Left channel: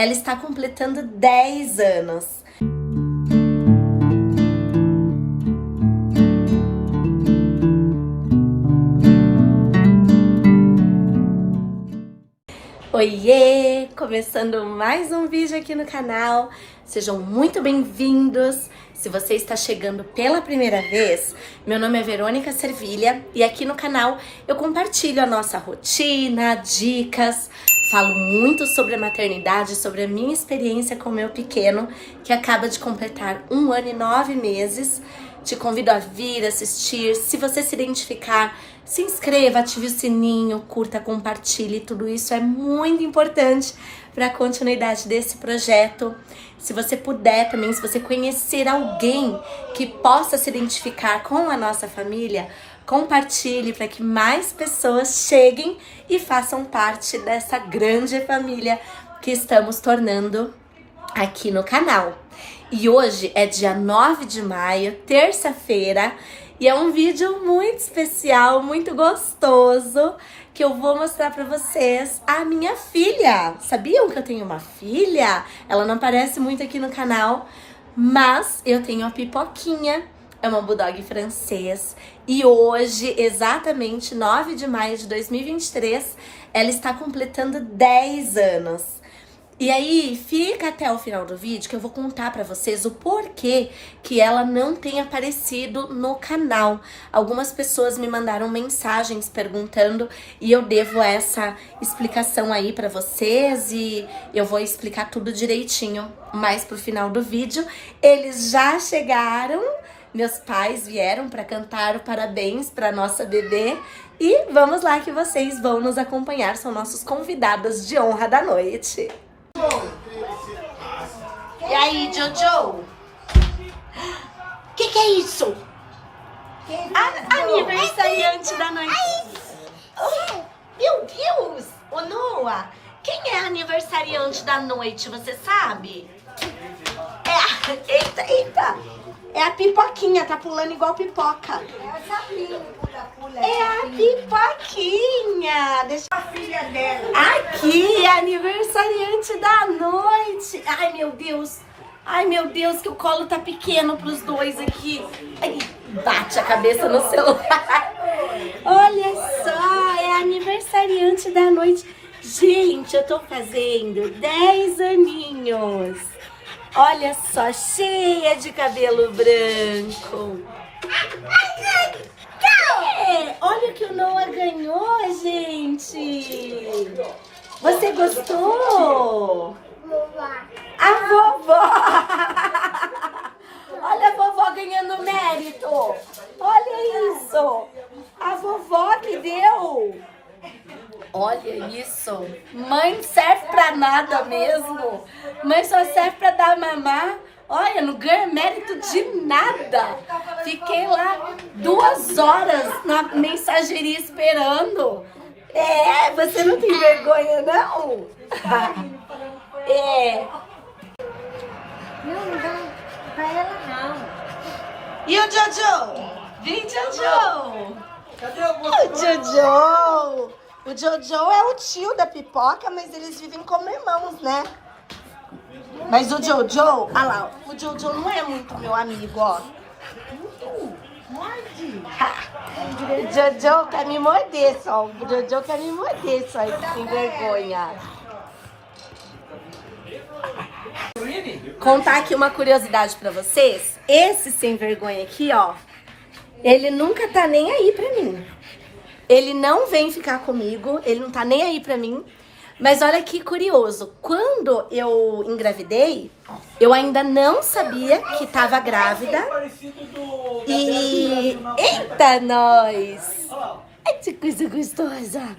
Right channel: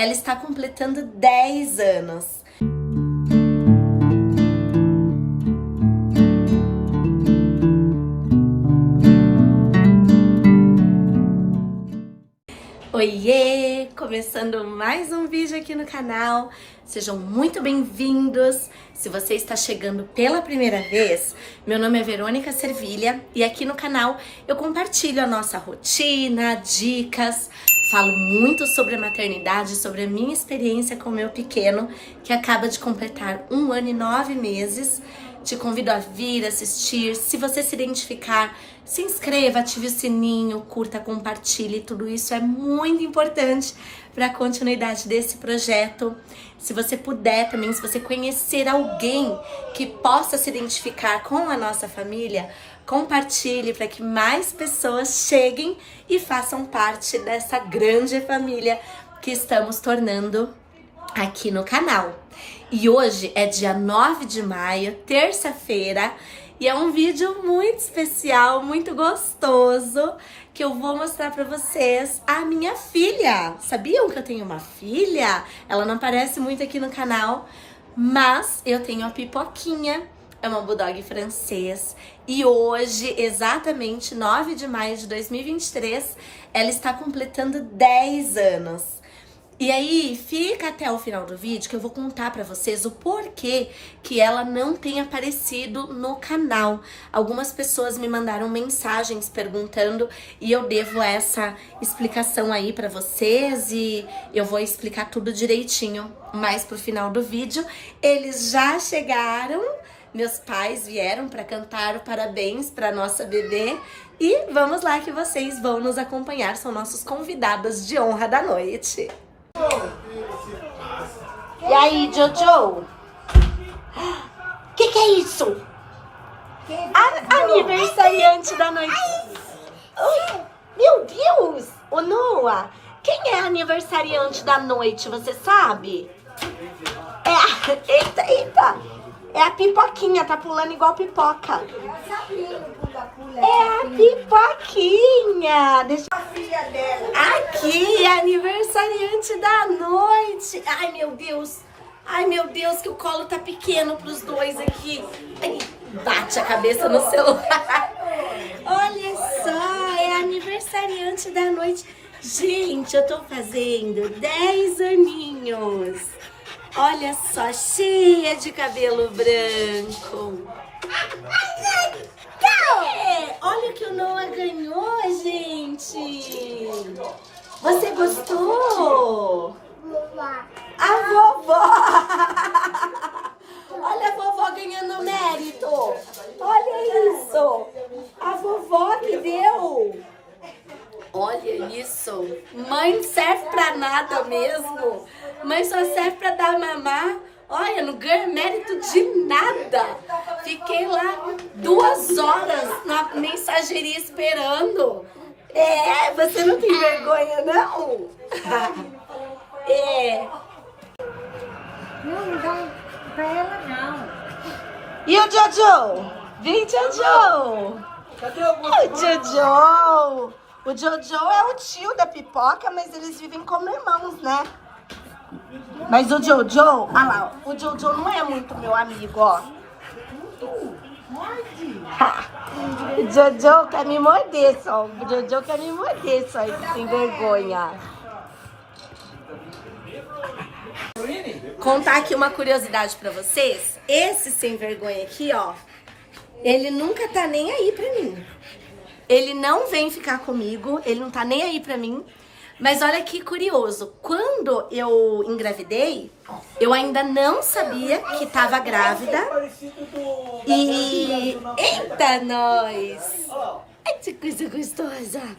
ela está completando 10 anos. Oiê! Começando mais um vídeo aqui no canal. Sejam muito bem-vindos. Se você está chegando pela primeira vez, meu nome é Verônica Servilha e aqui no canal eu compartilho a nossa rotina, dicas, falo muito sobre a maternidade, sobre a minha experiência com o meu pequeno, que acaba de completar 1 ano e 9 meses. Te convido a vir assistir. Se você se identificar, se inscreva, ative o sininho, curta, compartilhe. Tudo isso é muito importante para a continuidade desse projeto. Se você puder também, se você conhecer alguém que possa se identificar com a nossa família, compartilhe para que mais pessoas cheguem e façam parte dessa grande família que estamos tornando aqui no canal. E hoje é dia 9 de maio, terça-feira, e é um vídeo muito especial, muito gostoso, que eu vou mostrar pra vocês a minha filha. Sabiam que eu tenho uma filha? Ela não aparece muito aqui no canal, mas eu tenho a Pipoquinha, é uma bulldog francês. E hoje, exatamente 9 de maio de 2023, ela está completando 10 anos. E aí, fica até o final do vídeo que eu vou contar pra vocês o porquê que ela não tem aparecido no canal. Algumas pessoas me mandaram mensagens perguntando e eu devo essa explicação aí pra vocês e eu vou explicar tudo direitinho mais pro final do vídeo. Eles já chegaram, meus pais vieram pra cantar o parabéns pra nossa bebê e vamos lá que vocês vão nos acompanhar, são nossos convidados de honra da noite. E aí, Jojo? Que é isso? Aniversariante da noite. Meu Deus! Ô, Noah, quem é aniversariante da noite, você sabe? Eita! É a Pipoquinha, tá pulando igual pipoca. É a Pipoquinha. Deixa a filha dela. Aqui, aniversariante da noite. Ai, meu Deus, que o colo tá pequeno pros dois aqui. Ai, bate a cabeça no celular. Olha só, é aniversariante da noite. Gente, eu tô fazendo 10 aninhos. Olha só, cheia de cabelo branco. Olha o que o Noah ganhou, gente. Você gostou? A vovó. Olha a vovó ganhando mérito. Olha isso. A vovó que deu. Olha isso. Mãe não serve pra nada mesmo. Mãe só serve pra dar mamar. Olha, não ganha mérito de nada. Fiquei lá 2 horas na mensageria esperando. Você não tem vergonha, não? Não dá pra ela, não. E o Jojo? Vem, Jojo. Cadê o O Jojo. O Jojo é o tio da Pipoca, mas eles vivem como irmãos, né? Mas o Jojo, olha lá, o Jojo não é muito meu amigo, ó. Morde. O Jojo quer me morder só. O Jojo quer me morder só, sem vergonha. Contar aqui uma curiosidade pra vocês. Esse sem vergonha aqui, ó, ele nunca tá nem aí pra mim. Ele não vem ficar comigo, ele não tá nem aí pra mim. Mas olha que curioso, quando eu engravidei, eu ainda não sabia que tava grávida. E... Eita, nós! Ai, que coisa gostosa!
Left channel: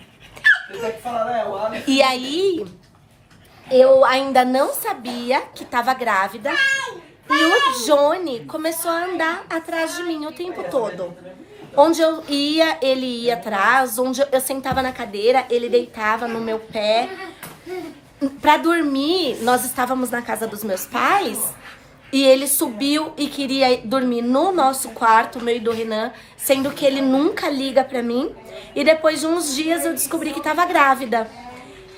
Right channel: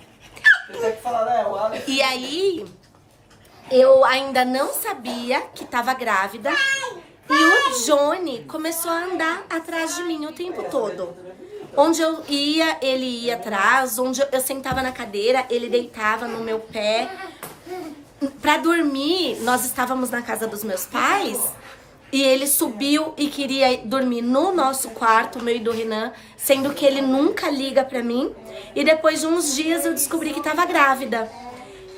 E aí, eu ainda não sabia que tava grávida. E o Johnny começou a andar atrás de mim o tempo todo. Onde eu ia, ele ia atrás. Onde eu sentava na cadeira, ele deitava no meu pé. Pra dormir, nós estávamos na casa dos meus pais. E ele subiu e queria dormir no nosso quarto, meio do Renan, sendo que ele nunca liga pra mim. E depois de uns dias eu descobri que estava grávida.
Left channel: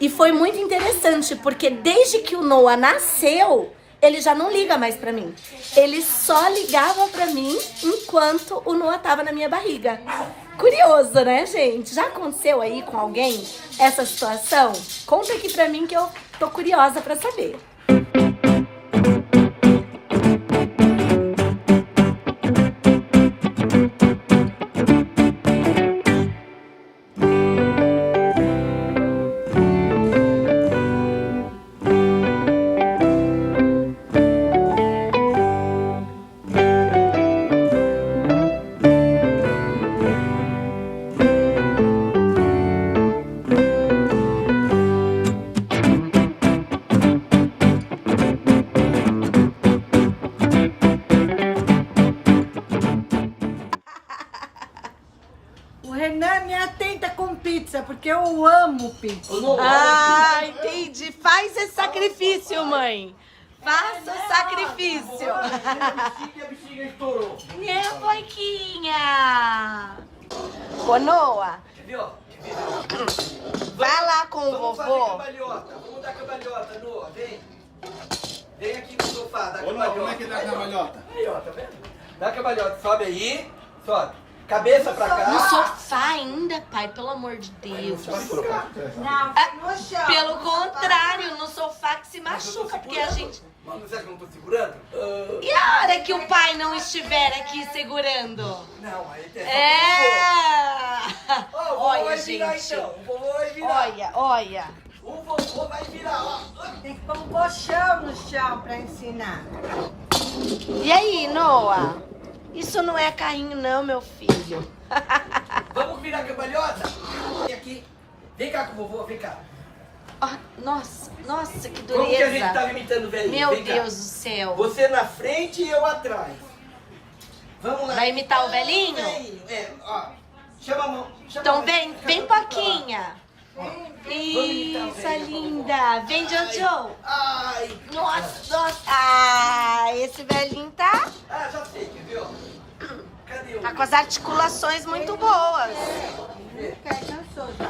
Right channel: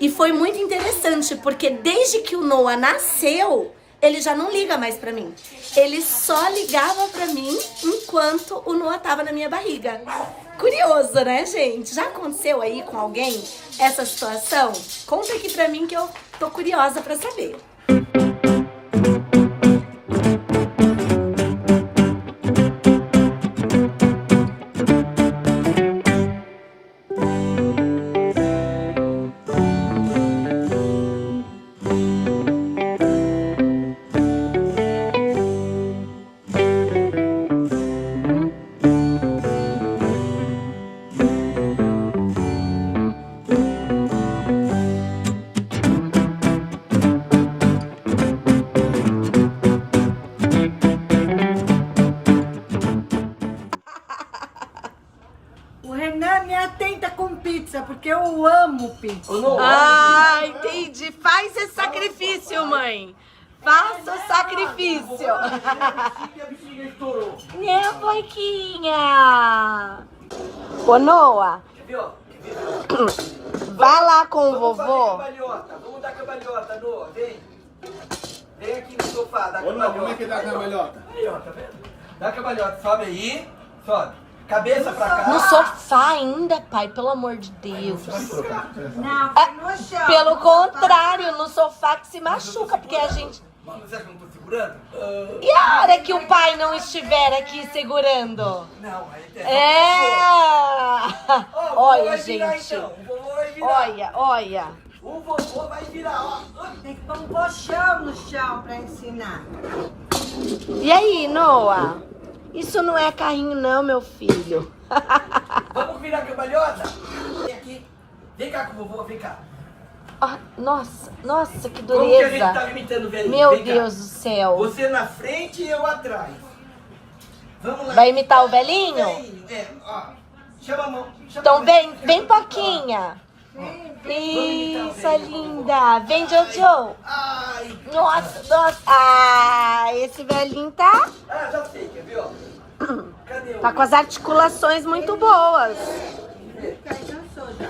E foi muito interessante, porque desde que o Noah nasceu, ele já não liga mais pra mim. Ele só ligava pra mim enquanto o Noah tava na minha barriga. Curioso, né, gente? Já aconteceu aí com alguém essa situação? Conta aqui pra mim que eu tô curiosa pra saber. O Renan me atenta com pizza, porque eu amo pizza. Ah, entendi. Faz esse sacrifício, mãe. Faça o sacrifício. Minha boiquinha. Ô, Noah. Vai lá com o vovô. Vamos dar cambalhota, Noah. Vem. Vem aqui no sofá, dá Ô, não, cambalhota. como é que dá a cambalhota? Aí, ó, tá vendo? Dá cambalhota. Sobe aí. Sobe. Cabeça pra cá. No sofá ainda, pai, pelo amor de Deus. Não, no chão. Pelo contrário, no sofá que se machuca, porque a gente... Mano, será que eu não tô segurando? E a hora que o pai não estiver aqui segurando? Não, aí tem. É! Ó, o vovô Olha, vai virar, gente. então. O vovô vai virar. Olha. O vovô vai virar, ó. Tem que pôr um colchão no chão pra ensinar. E aí, Noah? Isso não é carrinho não, meu filho. Vamos virar a cambalhota? Vem aqui. Vem cá com o vovô, vem cá. Ah, nossa, que Como que a gente tá dureza. limitando o velhinho? Meu Vem cá. Deus do céu. Você na frente e eu atrás. Vamos lá. Vai imitar o velhinho? É, ó. Chama a mão. Chama a Então mão. vem Poquinha. Isso, linda. Vem, Jojo. Ai. Nossa. Ah, esse velhinho tá Já sei, quer ver, ó? Cadê o... com as articulações muito boas. Cansou já.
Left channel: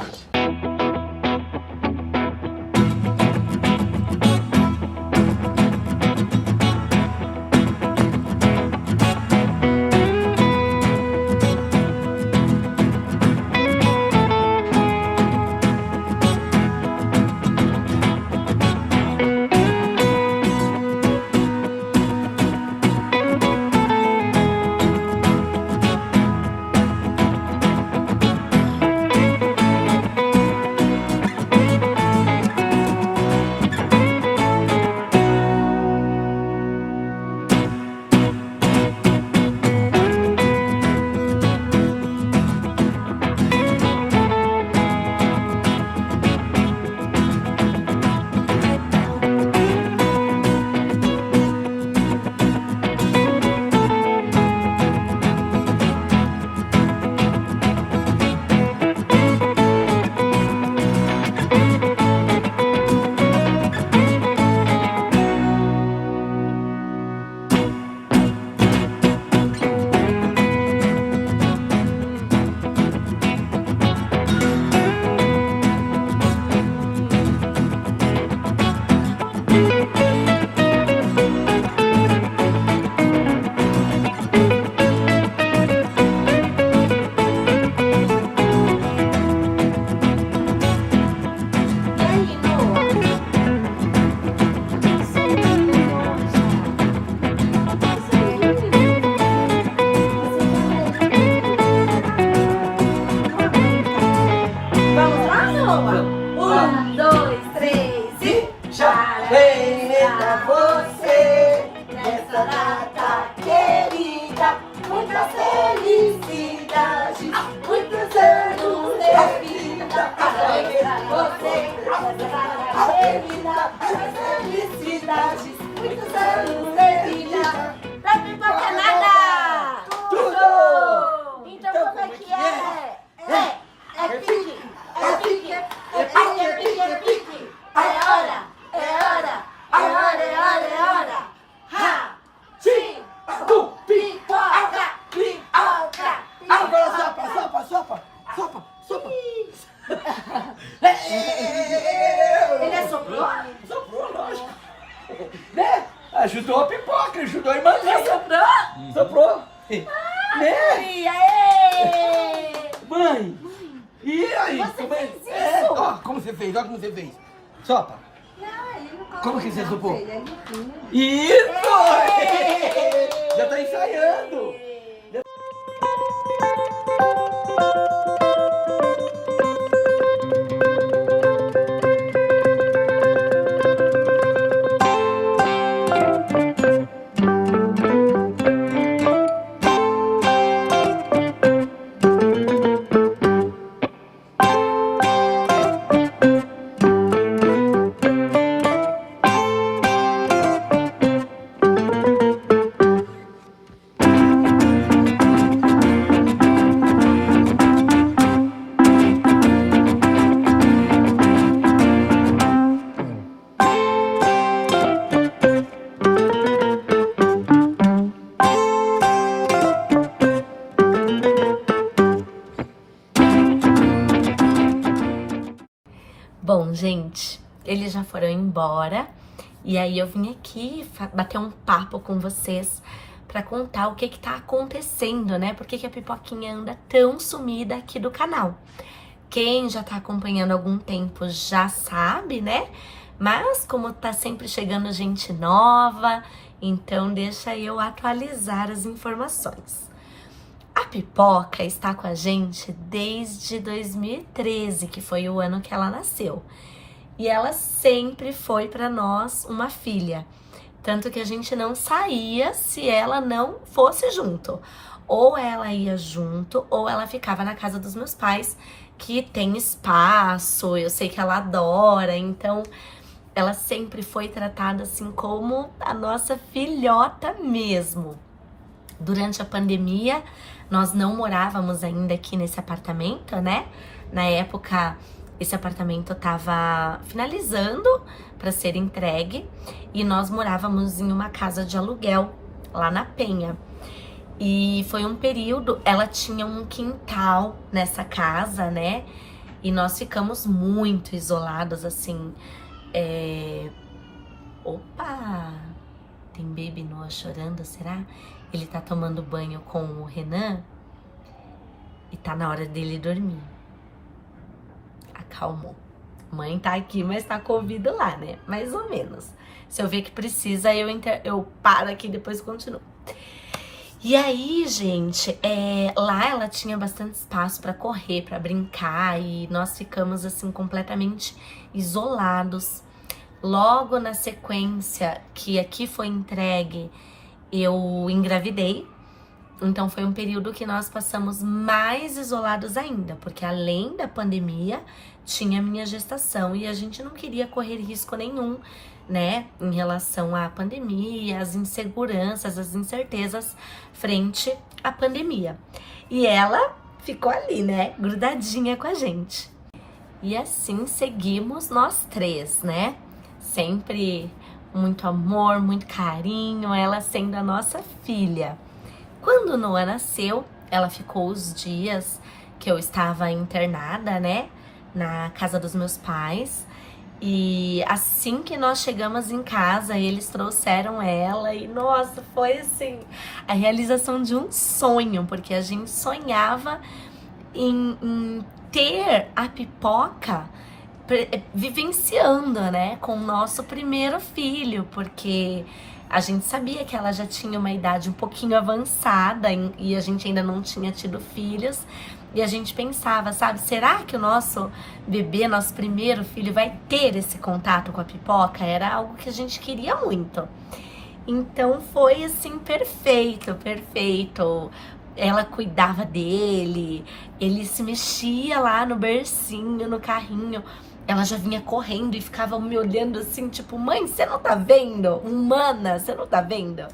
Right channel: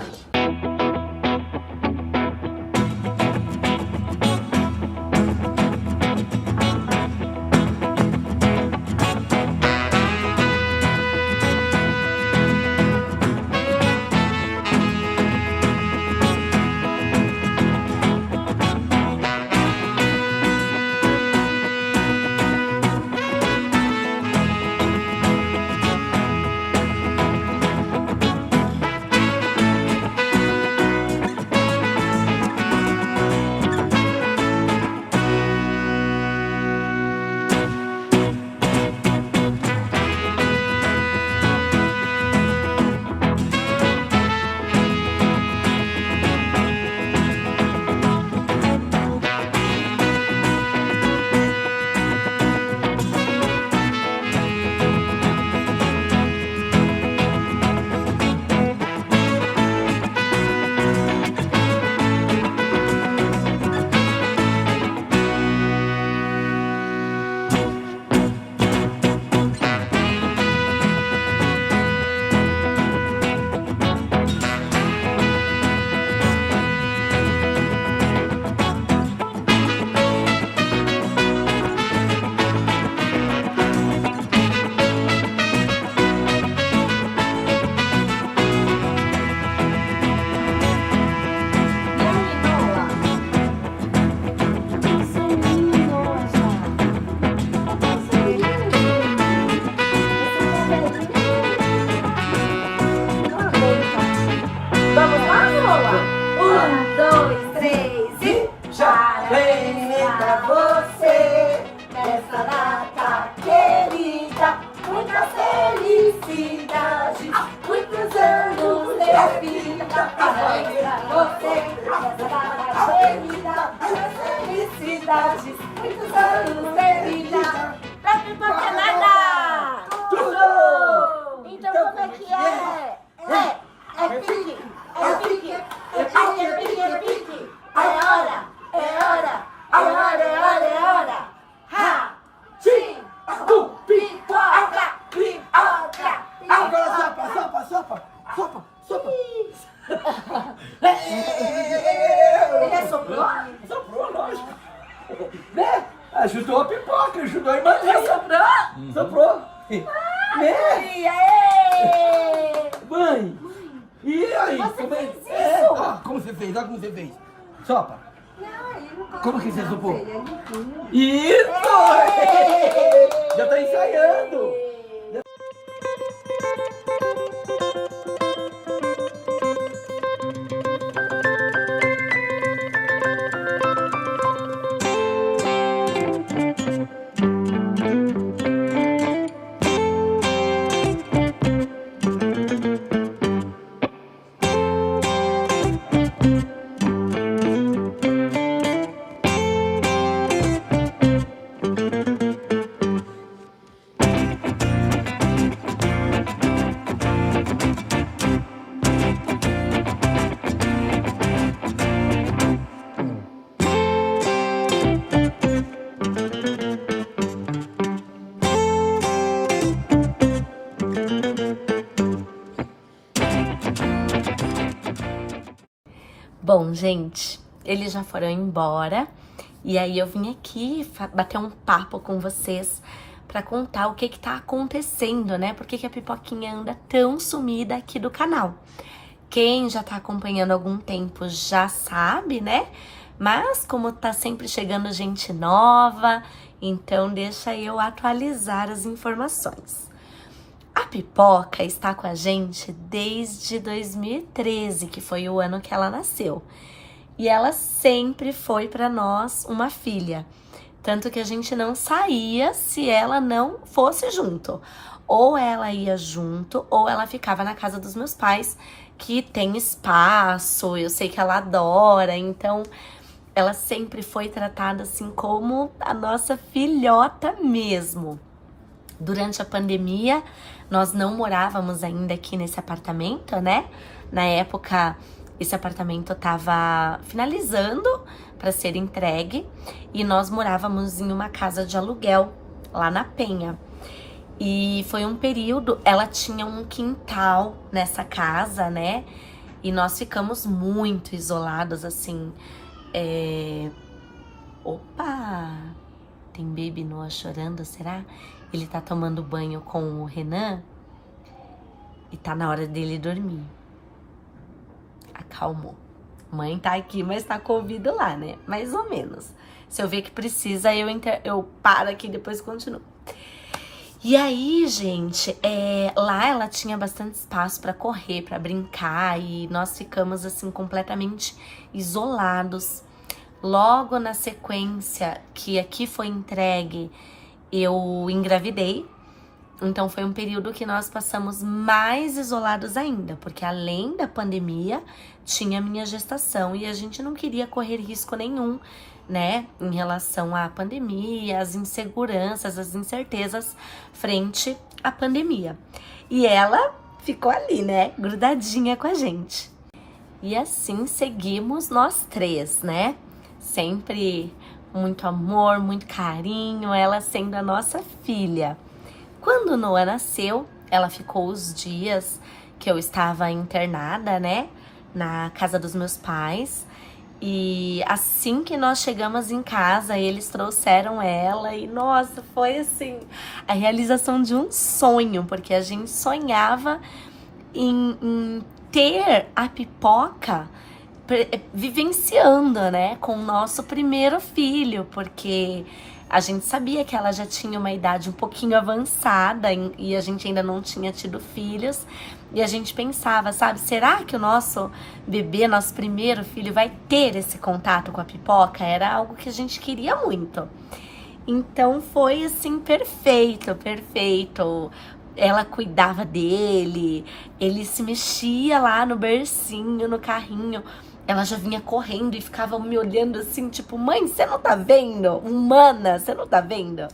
felicidade, muitos anos de vida. Não me importa nada! Tudo! Então como é que é? É pique, é pique, é pique, é pique, é pique. É hora, é hora, é hora, é hora, é hora. Ha! Tim! Tu! Pipoca! Pipoca! Agora sopa, sopa, sopa, sopa, sopa. Né? Ajudou a pipoca, ajudou a irmãzinha. Soprou? Soprou. Né? Aê! Mãe. E aí? Você como é? fez isso? É, ó, como você fez, olha como você fez. Sopa. Não, ele não Como que você soprou? Ele empurra. Isso! Já tá ensaiando. Bom, gente, eles já foram embora e aí eu vim aqui bater um papo com vocês pra contar o que tá acontecendo, né? Por que a Pipoquinha anda tão sumida aqui do canal. Quem já tá acompanhando há algum tempo já sabe, né? Mas como tá sempre chegando gente nova, então deixa eu atualizar as informações. A Pipoca está com a gente desde 2013, que foi o ano que ela nasceu. E ela sempre foi para nós uma filha. Tanto que a gente não saía se ela não fosse junto. Ou ela ia junto, ou ela ficava na casa dos meus pais, que tem espaço, eu sei que ela adora. Então, ela sempre foi tratada assim como a nossa filhota mesmo. Durante a pandemia, nós não morávamos ainda aqui nesse apartamento, né? Na época, esse apartamento tava finalizando para ser entregue e nós morávamos em uma casa de aluguel lá na Penha. E foi um período, ela tinha um quintal nessa casa, né? E nós ficamos muito isolados, assim. Opa! Tem Baby Noah chorando, será? Ele tá tomando banho com o Renan e tá na hora dele dormir. Acalmou. Mãe tá aqui, mas tá com o ouvido lá, né? Mais ou menos. Se eu ver que precisa, eu paro aqui e depois continuo. E aí, gente, lá ela tinha bastante espaço pra correr, pra brincar e nós ficamos, assim, completamente isolados. Logo na sequência que aqui foi entregue, eu engravidei, então foi um período que nós passamos mais isolados ainda, porque além da pandemia, tinha minha gestação e a gente não queria correr risco nenhum, né, em relação à pandemia, às inseguranças, às incertezas frente à pandemia. E ela ficou ali, né, grudadinha com a gente. E assim seguimos nós três, né, sempre muito amor, muito carinho, ela sendo a nossa filha. Quando Noah nasceu, ela ficou os dias que eu estava internada, né, na casa dos meus pais. E assim que nós chegamos em casa, eles trouxeram ela e, nossa, foi assim, a realização de um sonho, porque a gente sonhava em ter a Pipoca vivenciando, né, com o nosso primeiro filho, porque a gente sabia que ela já tinha uma idade um pouquinho avançada e a gente ainda não tinha tido filhos, e a gente pensava, sabe, será que o nosso bebê, nosso primeiro filho, vai ter esse contato com a Pipoca? Era algo que a gente queria muito. Então foi assim, perfeito, perfeito. Ela cuidava dele, ele se mexia lá no bercinho, no carrinho. Ela já vinha correndo e ficava me olhando assim, tipo, mãe, você não tá vendo? Humana, você não tá vendo?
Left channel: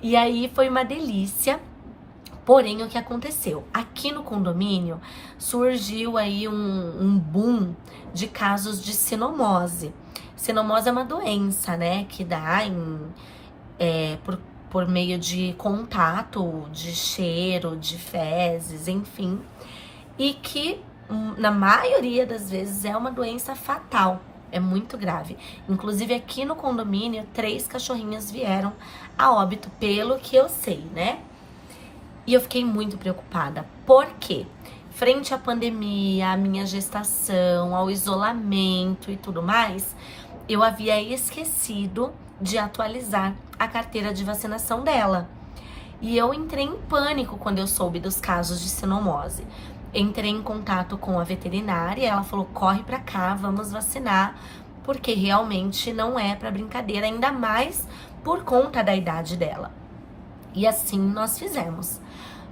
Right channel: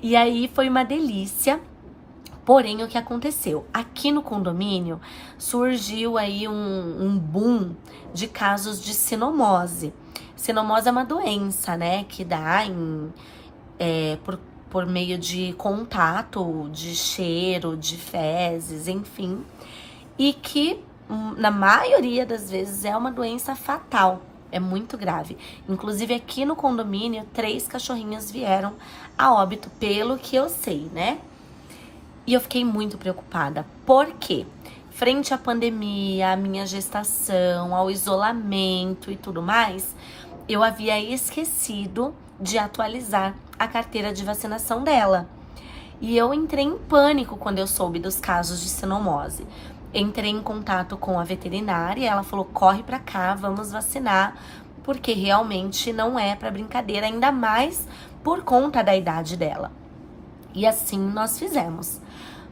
E aí foi uma delícia. Porém, o que aconteceu? Aqui no condomínio surgiu aí um boom de casos de sinomose. Sinomose é uma doença, né, que dá por meio de contato, de cheiro, de fezes, enfim. E que, na maioria das vezes, é uma doença fatal, É muito grave. Inclusive aqui no condomínio, 3 cachorrinhas vieram a óbito, pelo que eu sei, né? E eu fiquei muito preocupada. Por quê? Frente à pandemia, à minha gestação, ao isolamento e tudo mais, eu havia esquecido de atualizar a carteira de vacinação dela. E eu entrei em pânico quando eu soube dos casos de sinomose. Entrei em contato com a veterinária, ela falou, corre pra cá, vamos vacinar, porque realmente não é pra brincadeira, ainda mais por conta da idade dela. E assim nós fizemos.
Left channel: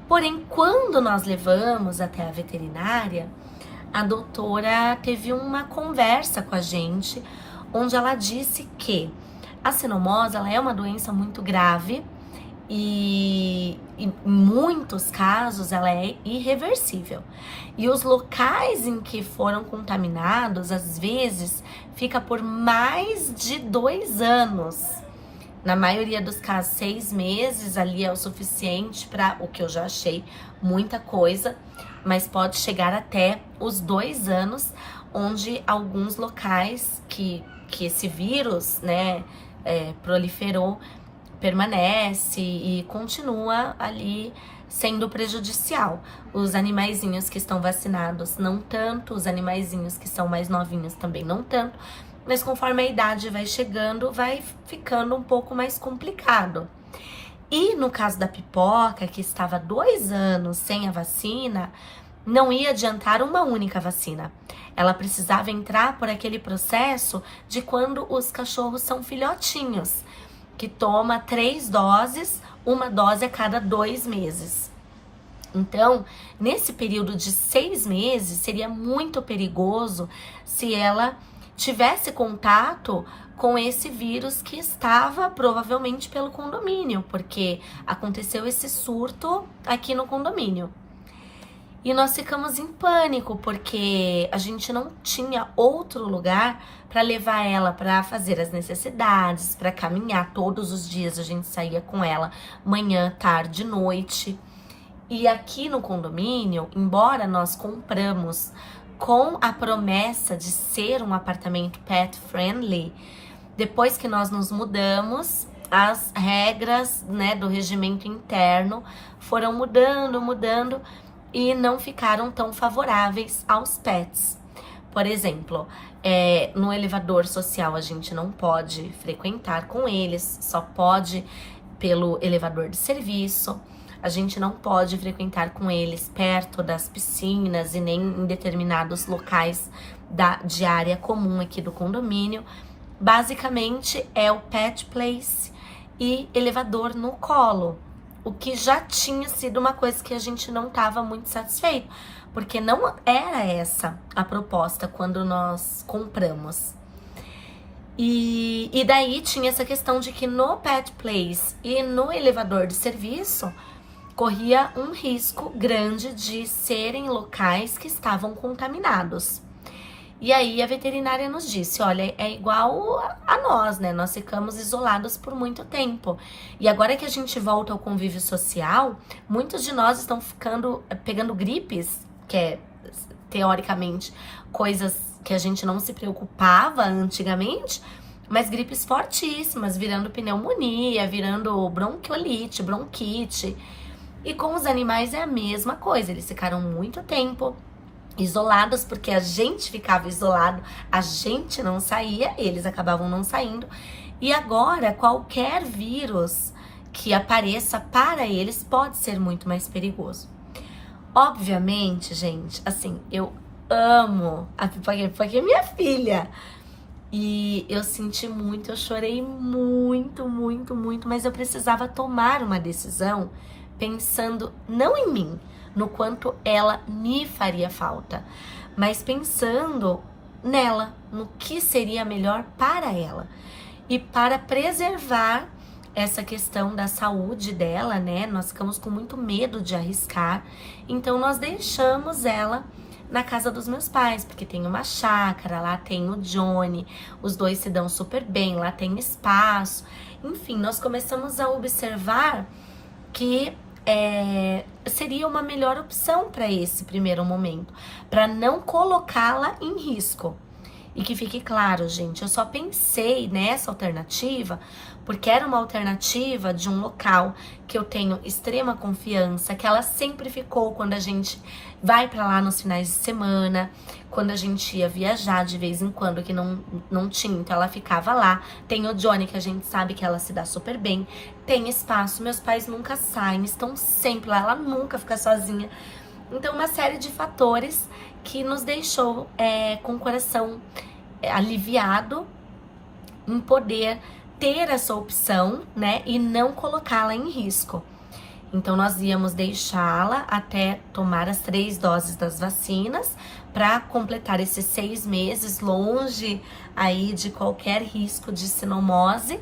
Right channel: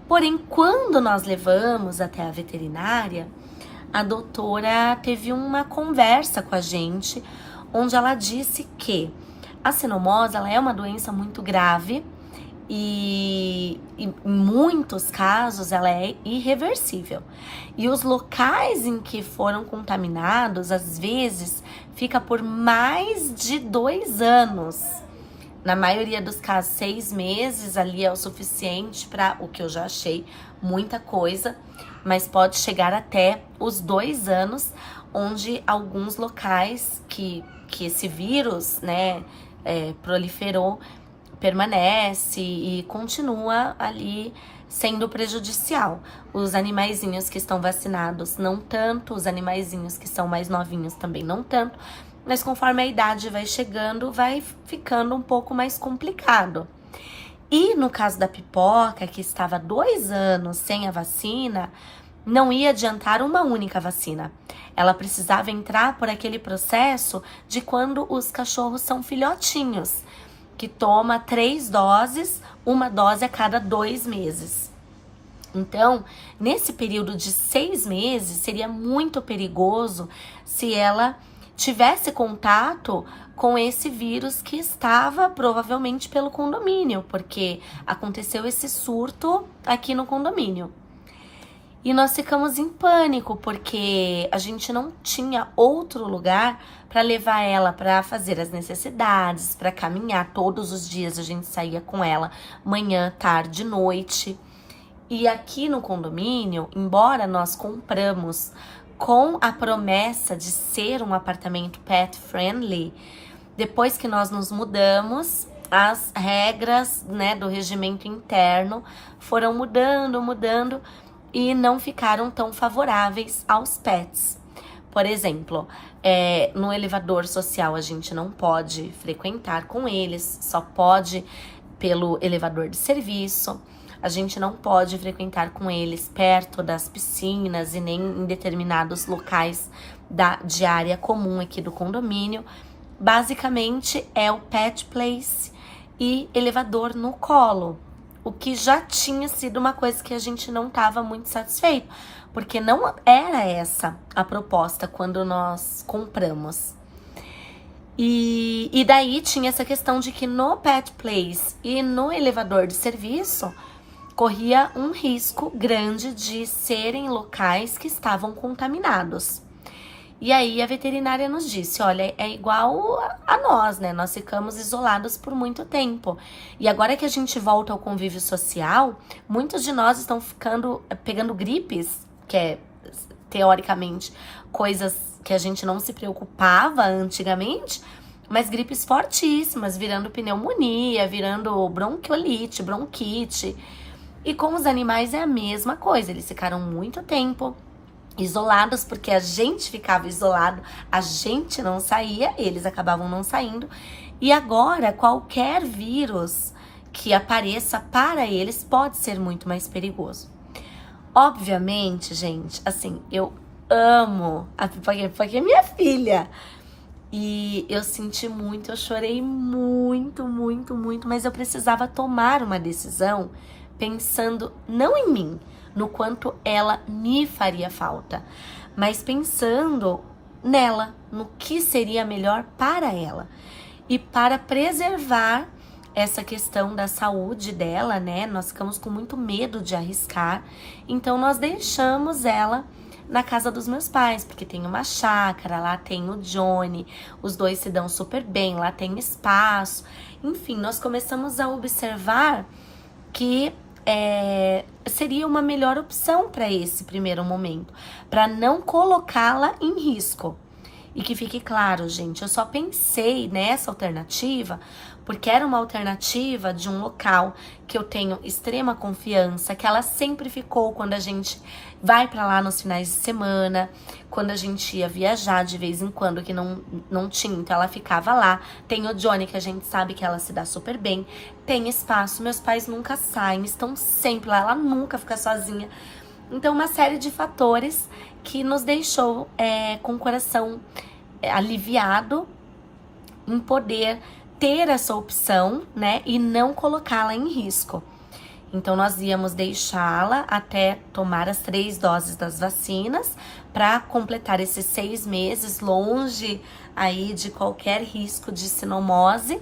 Porém, quando nós levamos até a veterinária, a doutora teve uma conversa com a gente, onde ela disse que a sinomose, ela é uma doença muito grave e em muitos casos ela é irreversível. E os locais em que foram contaminados, às vezes, fica por mais de 2 anos. Na maioria dos casos, 6 meses ali é o suficiente para o que eu já achei muita coisa, mas pode chegar até os 2 anos, onde alguns locais que esse vírus, né, proliferou, permanece e continua ali sendo prejudicial. Os animaizinhos que estão vacinados não tanto, os animaizinhos que são mais novinhos também não tanto, mas conforme a idade vai chegando, vai ficando um pouco mais complicado. E no caso da Pipoca, que estava 2 anos sem a vacina, não ia adiantar uma única vacina. Ela precisava entrar por aquele processo de quando os cachorros são filhotinhos, que toma 3 doses, 1 dose a cada 2 meses. Então, nesse período de 6 meses, seria muito perigoso se ela tivesse contato com esse vírus que estava provavelmente pelo condomínio, porque aconteceu esse surto aqui no condomínio. E nós ficamos em pânico, porque a gente não tinha outro lugar para levar ela para fazer as necessidades, para caminhar. Todos os dias a gente saía com ela, manhã, tarde, noite. E aqui no condomínio, embora nós compramos com a promessa de ser um apartamento pet friendly, depois que nós nos mudamos, as regras, né, do regimento interno foram mudando e não ficaram tão favoráveis aos pets. Por exemplo, no elevador social a gente não pode frequentar com eles, só pode pelo elevador de serviço. A gente não pode frequentar com eles perto das piscinas e nem em determinados locais de área comum aqui do condomínio. Basicamente é o pet place e elevador no colo, o que já tinha sido uma coisa que a gente não estava muito satisfeito, porque não era essa a proposta quando nós compramos. E daí tinha essa questão de que no pet place e no elevador de serviço corria um risco grande de serem locais que estavam contaminados. E aí a veterinária nos disse, olha, é igual a nós, né? Nós ficamos isolados por muito tempo. E agora que a gente volta ao convívio social, muitos de nós estão pegando gripes, que é, teoricamente, coisas que a gente não se preocupava antigamente, mas gripes fortíssimas, virando pneumonia, virando bronquiolite, bronquite. E com os animais é a mesma coisa, eles ficaram muito tempo isolados, porque a gente ficava isolado, a gente não saía, eles acabavam não saindo. E agora, qualquer vírus que apareça para eles pode ser muito mais perigoso. Obviamente, gente, assim, eu amo a Pipoquinha, porque é minha filha. E eu senti muito, eu chorei muito, mas eu precisava tomar uma decisão pensando não em mim, no quanto ela me faria falta, mas pensando nela, no que seria melhor para ela. E para preservar essa questão da saúde dela, né, nós ficamos com muito medo de arriscar, então nós deixamos ela na casa dos meus pais, porque tem uma chácara, lá tem o Johnny, os dois se dão super bem, lá tem espaço. Enfim, nós começamos a observar que seria uma melhor opção para esse primeiro momento, para não colocá-la em risco. E que fique claro, gente, eu só pensei nessa alternativa porque era uma alternativa de um local que eu tenho extrema confiança, que ela sempre ficou quando a gente vai pra lá nos finais de semana, quando a gente ia viajar de vez em quando, que não tinha, então ela ficava lá. Tem o Johnny, que a gente sabe que ela se dá super bem, tem espaço, meus pais nunca saem, estão sempre lá, ela nunca fica sozinha. Então, uma série de fatores que nos deixou com o coração aliviado em poder ter essa opção, né, e não colocá-la em risco. Então, nós íamos deixá-la até tomar as 3 doses das vacinas para completar esses 6 meses longe aí de qualquer risco de sinomose,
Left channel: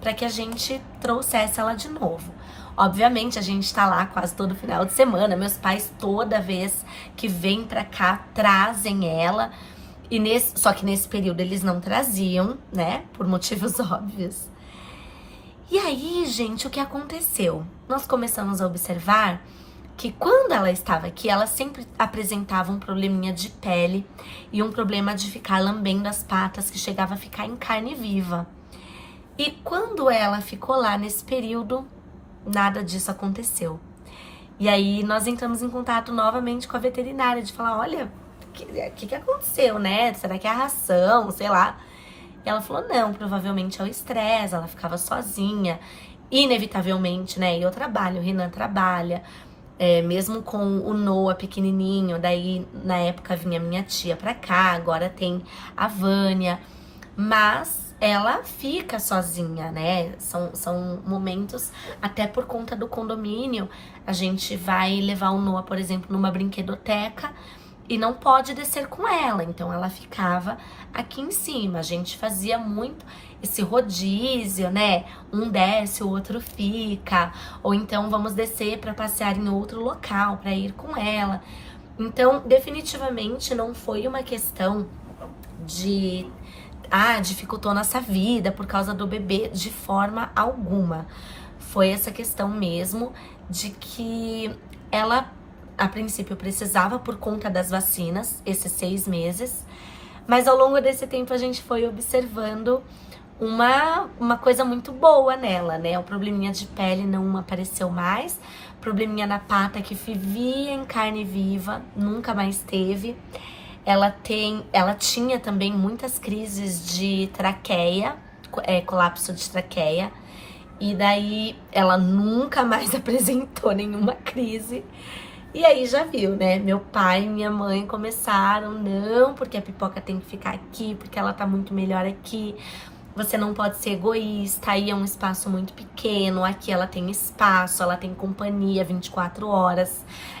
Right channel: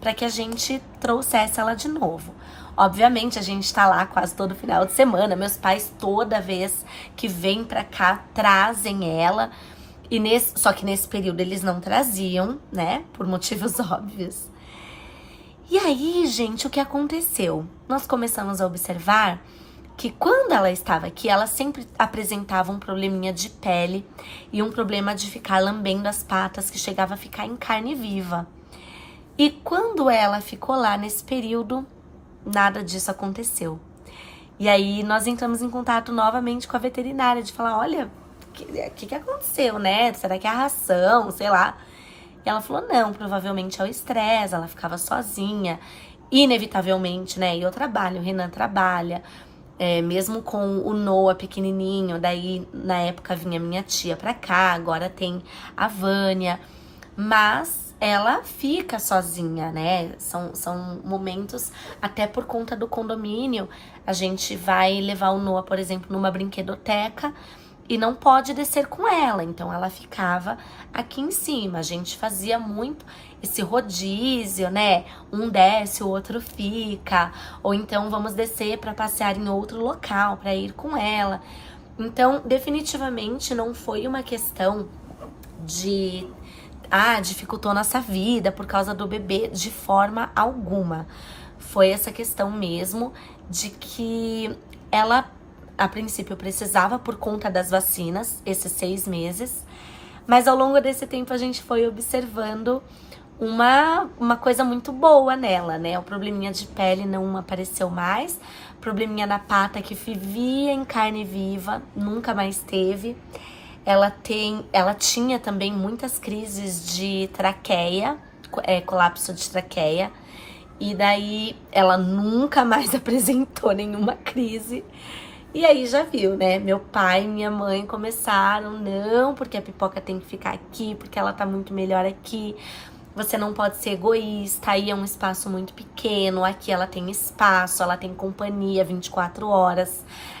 para que a gente trouxesse ela de novo. Obviamente, a gente tá lá quase todo final de semana. Meus pais, toda vez que vêm pra cá, trazem ela. Só que nesse período eles não traziam, né? Por motivos óbvios. E aí, gente, o que aconteceu? Nós começamos a observar que quando ela estava aqui, ela sempre apresentava um probleminha de pele e um problema de ficar lambendo as patas, que chegava a ficar em carne viva. E quando ela ficou lá nesse período, nada disso aconteceu. E aí nós entramos em contato novamente com a veterinária, de falar, olha, o que aconteceu, né? Será que é a ração, sei lá. E ela falou, não, provavelmente é o estresse, ela ficava sozinha, inevitavelmente, né? E eu trabalho, o Renan trabalha, mesmo com o Noah pequenininho, daí na época vinha minha tia pra cá, agora tem a Vânia, mas ela fica sozinha, né? São momentos, até por conta do condomínio, a gente vai levar o Noah, por exemplo, numa brinquedoteca e não pode descer com ela, então ela ficava aqui em cima. A gente fazia muito esse rodízio, né? Um desce, o outro fica, ou então vamos descer para passear em outro local, para ir com ela. Então, definitivamente não foi uma questão de dificultou nossa vida por causa do bebê, de forma alguma. Foi essa questão mesmo de que ela, a princípio, precisava por conta das vacinas, esses 6 meses, mas ao longo desse tempo a gente foi observando uma coisa muito boa nela, né? O probleminha de pele não apareceu mais, probleminha na pata que vivia em carne viva, nunca mais teve. Ela tinha também muitas crises de traqueia, colapso de traqueia, e daí ela nunca mais apresentou nenhuma crise. E aí já viu, né? Meu pai e minha mãe começaram, não, porque a Pipoca tem que ficar aqui, porque ela tá muito melhor aqui. Você não pode ser egoísta, aí é um espaço muito pequeno, aqui ela tem espaço, ela tem companhia 24 horas.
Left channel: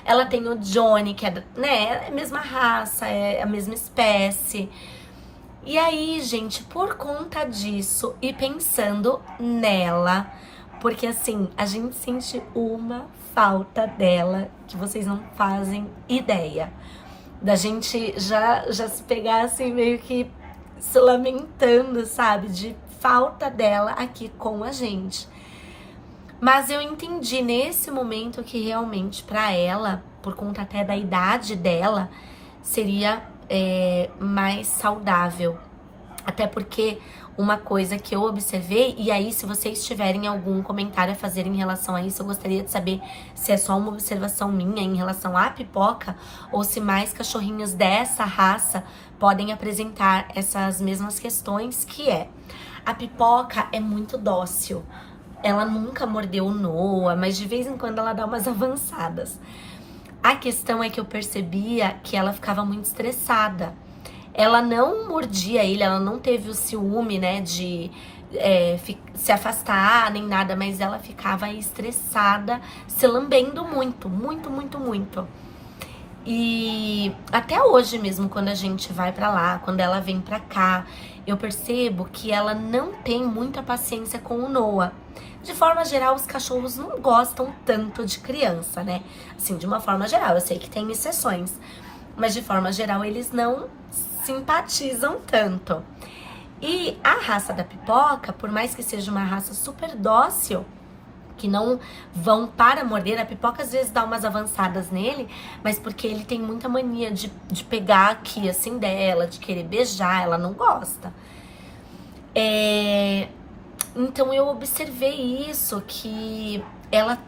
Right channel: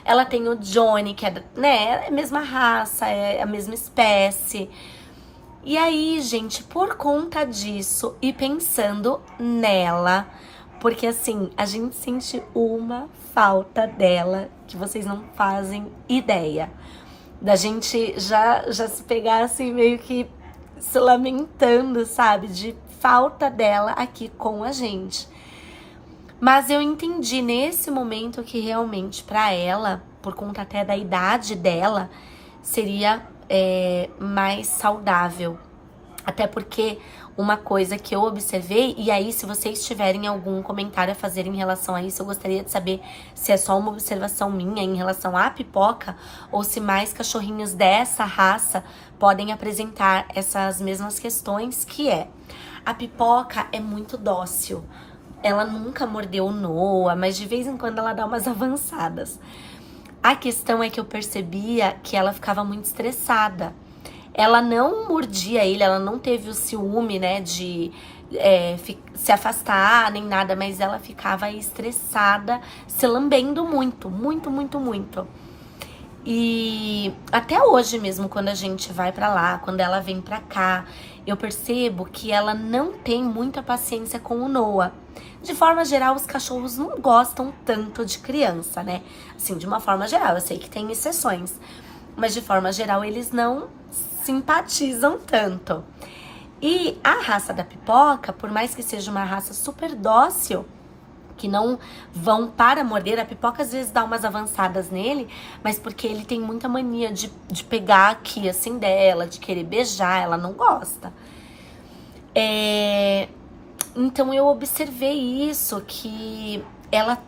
Ela tem o Johnny, que é a mesma raça, é a mesma espécie. E aí, gente, por conta disso e pensando nela, porque assim, a gente sente uma falta dela que vocês não fazem ideia. Da gente já se pegar assim, meio que se lamentando, sabe, de falta dela aqui com a gente. Mas eu entendi nesse momento que realmente pra ela, por conta até da idade dela, seria mais saudável. Até porque uma coisa que eu observei, e aí se vocês tiverem algum comentário a fazer em relação a isso, eu gostaria de saber se é só uma observação minha em relação à Pipoca, ou se mais cachorrinhos dessa raça podem apresentar essas mesmas questões, que a Pipoca é muito dócil. Ela nunca mordeu o Noah, mas de vez em quando ela dá umas avançadas. A questão é que eu percebia que ela ficava muito estressada. Ela não mordia ele, ela não teve o ciúme, né, de se afastar, nem nada, mas ela ficava estressada, se lambendo muito, muito, muito, muito. E até hoje mesmo, quando a gente vai pra lá, quando ela vem pra cá, eu percebo que ela não tem muita paciência com o Noah. De forma geral, os cachorros não gostam tanto de criança, né? Assim, de uma forma geral, eu sei que tem exceções, mas de forma geral eles não simpatizam tanto. E a raça da Pipoca, por mais que seja uma raça super dócil, que não vão para morder. A Pipoca às vezes dá umas avançadas nele, mas porque ele tem muita mania de pegar aqui assim dela, de querer beijar, ela não gosta. Então eu observei isso, que ela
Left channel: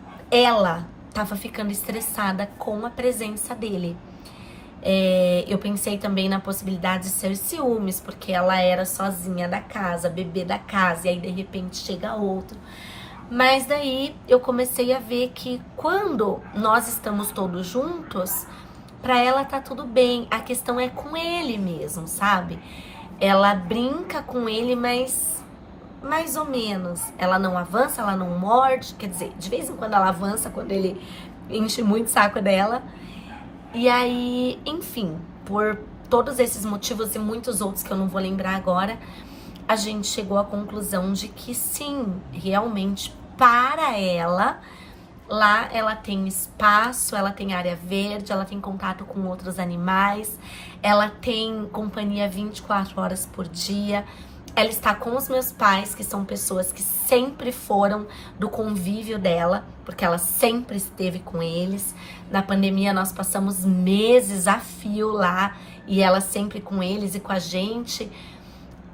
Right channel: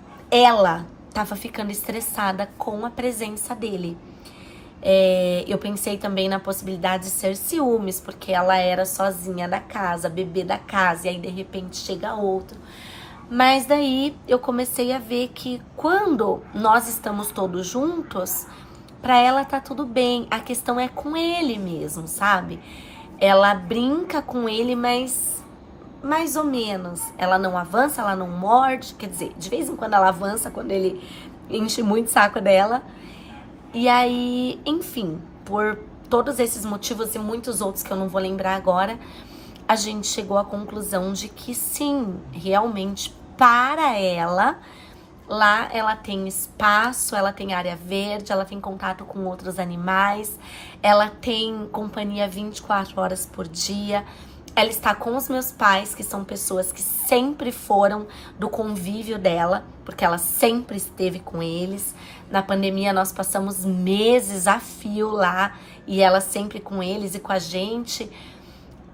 tava ficando estressada com a presença dele. Eu pensei também na possibilidade de ser ciúmes, porque ela era sozinha da casa, bebê da casa, e aí de repente chega outro. Mas daí eu comecei a ver que quando nós estamos todos juntos, pra ela tá tudo bem. A questão é com ele mesmo, sabe? Ela brinca com ele, mas mais ou menos. Ela não avança, ela não morde. Quer dizer, de vez em quando ela avança, quando ele enche muito o saco dela. E aí, enfim, por todos esses motivos e muitos outros que eu não vou lembrar agora, a gente chegou à conclusão de que sim, realmente, para ela, lá ela tem espaço, ela tem área verde, ela tem contato com outros animais, ela tem companhia 24 horas por dia. Ela está com os meus pais, que são pessoas que sempre foram do convívio dela, porque ela sempre esteve com eles. Na pandemia nós passamos meses a fio lá, e ela sempre com eles e com a gente.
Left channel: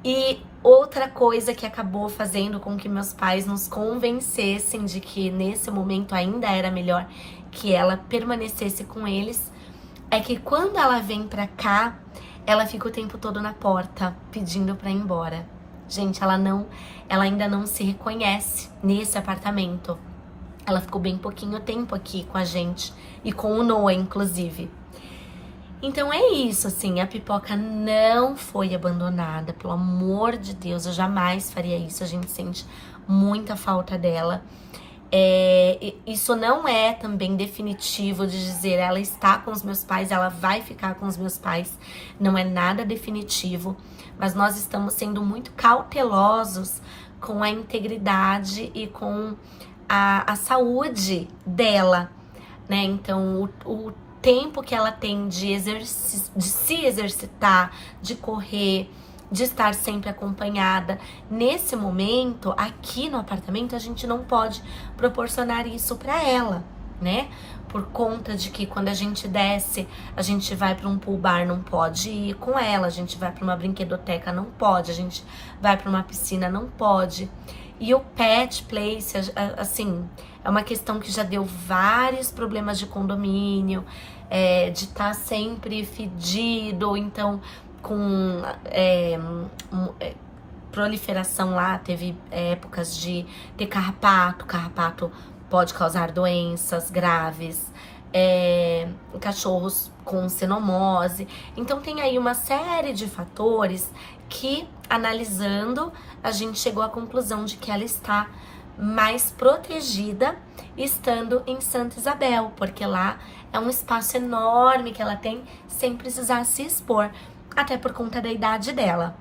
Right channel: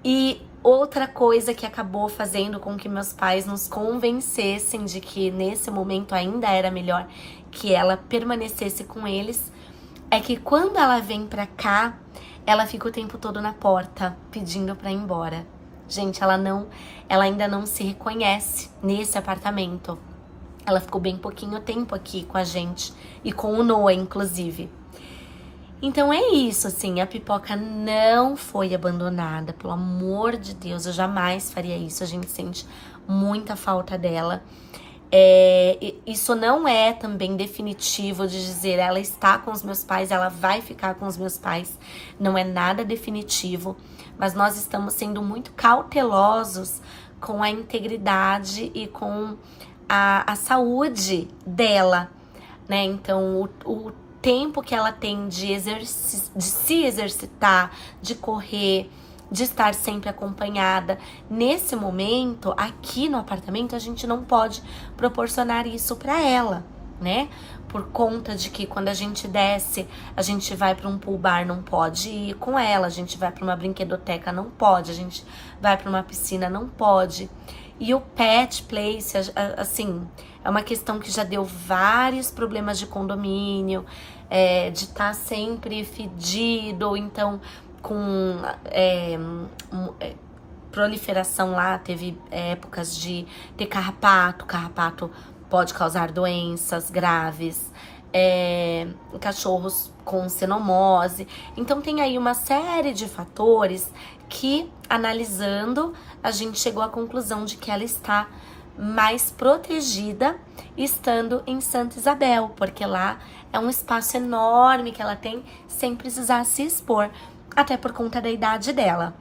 E outra coisa que acabou fazendo com que meus pais nos convencessem de que nesse momento ainda era melhor que ela permanecesse com eles, é que quando ela vem pra cá, ela fica o tempo todo na porta, pedindo pra ir embora. Gente, ela ainda não se reconhece nesse apartamento. Ela ficou bem pouquinho tempo aqui com a gente, e com o Noah, inclusive. Então é isso, assim, a Pipoca não foi abandonada, pelo amor de Deus, eu jamais faria isso, a gente sente muita falta dela. Isso não é também definitivo de dizer ela está com os meus pais, ela vai ficar com os meus pais. Não é nada definitivo, mas nós estamos sendo muito cautelosos com a integridade e com a saúde dela, né? Então o tempo que ela tem de se exercitar, de correr, de estar sempre acompanhada. Nesse momento, aqui no apartamento, a gente não pode proporcionar isso para ela, né? Por conta de que quando a gente desce, a gente vai para um pool bar, não pode ir com ela. A gente vai para uma brinquedoteca, não pode. A gente vai para uma piscina, não pode. E o pet place, assim, é uma questão que já deu vários problemas de condomínio, de estar sempre fedido, então com proliferação lá, teve épocas de ter carrapato pode causar doenças graves, cachorros com cenomose. Então tem aí uma série de fatores que, analisando, a gente chegou à conclusão de que ela está mais protegida estando em Santa Isabel, porque lá é um espaço enorme que ela tem sem precisar se expor, até por conta da idade dela.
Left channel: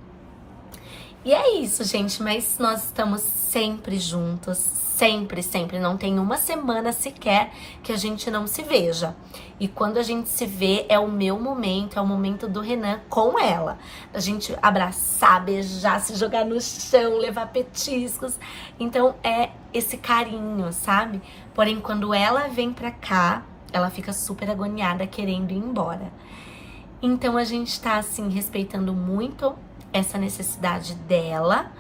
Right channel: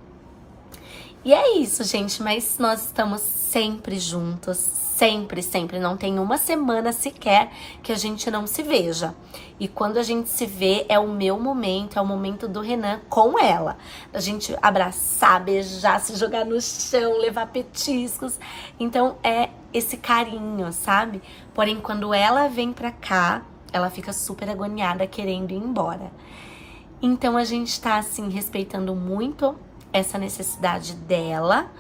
E é isso, gente, mas nós estamos sempre juntos, sempre, sempre. Não tem uma semana sequer que a gente não se veja. E quando a gente se vê, é o meu momento, é o momento do Renan com ela. A gente abraçar, beijar, se jogar no chão, levar petiscos. Então é esse carinho, sabe? Porém, quando ela vem pra cá, ela fica super agoniada, querendo ir embora. Então a gente tá, assim, respeitando muito essa necessidade dela.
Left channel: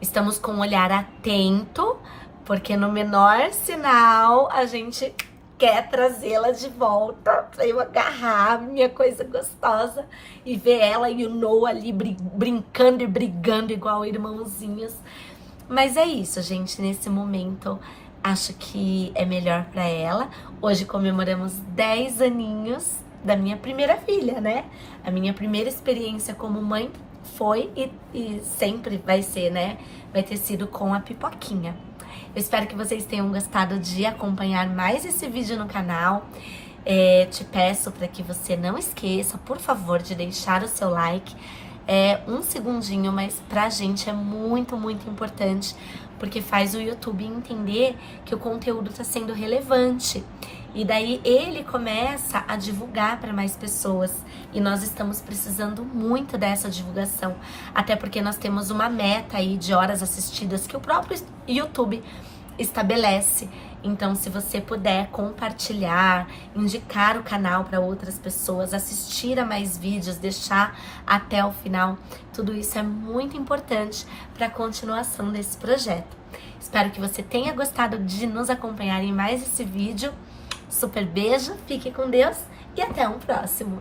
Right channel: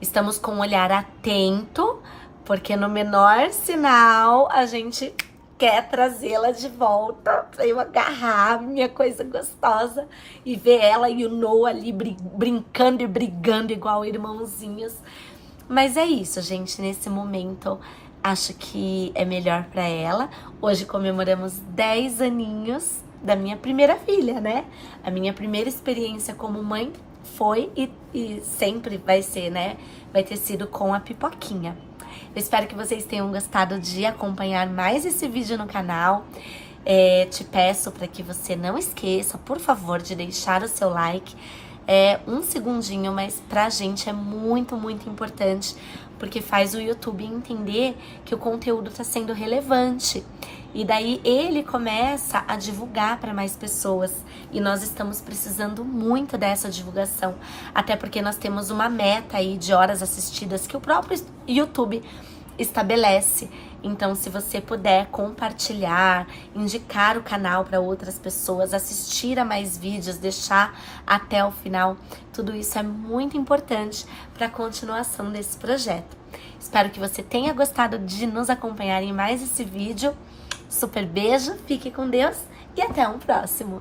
Estamos com um olhar atento, porque no menor sinal a gente quer trazê-la de volta pra eu agarrar minha coisa gostosa e ver ela e o Noah ali brincando e brigando igual irmãozinhos. Mas é isso, gente, nesse momento acho que é melhor pra ela. Hoje comemoramos 10 aninhos da minha primeira filha, né? A minha primeira experiência como mãe foi e sempre vai ser, né? Vai ter sido com a Pipoquinha. Eu espero que vocês tenham gostado de acompanhar mais esse vídeo no canal. Te peço para que você não esqueça, por favor, de deixar o seu like. Um segundinho, mas pra gente é muito, muito importante, porque faz o YouTube entender que o conteúdo tá sendo relevante. E daí ele começa a divulgar para mais pessoas. E nós estamos precisando muito dessa divulgação. Até porque nós temos uma meta aí de horas assistidas que o próprio YouTube estabelece. Então, se você puder compartilhar, indicar o canal para outras pessoas, assistir a mais vídeos, deixar até o final, tudo isso é muito importante para a continuação desse projeto. Espero que você tenha gostado de nos acompanhar em mais esse vídeo. Super beijo, fique com Deus e até um próximo!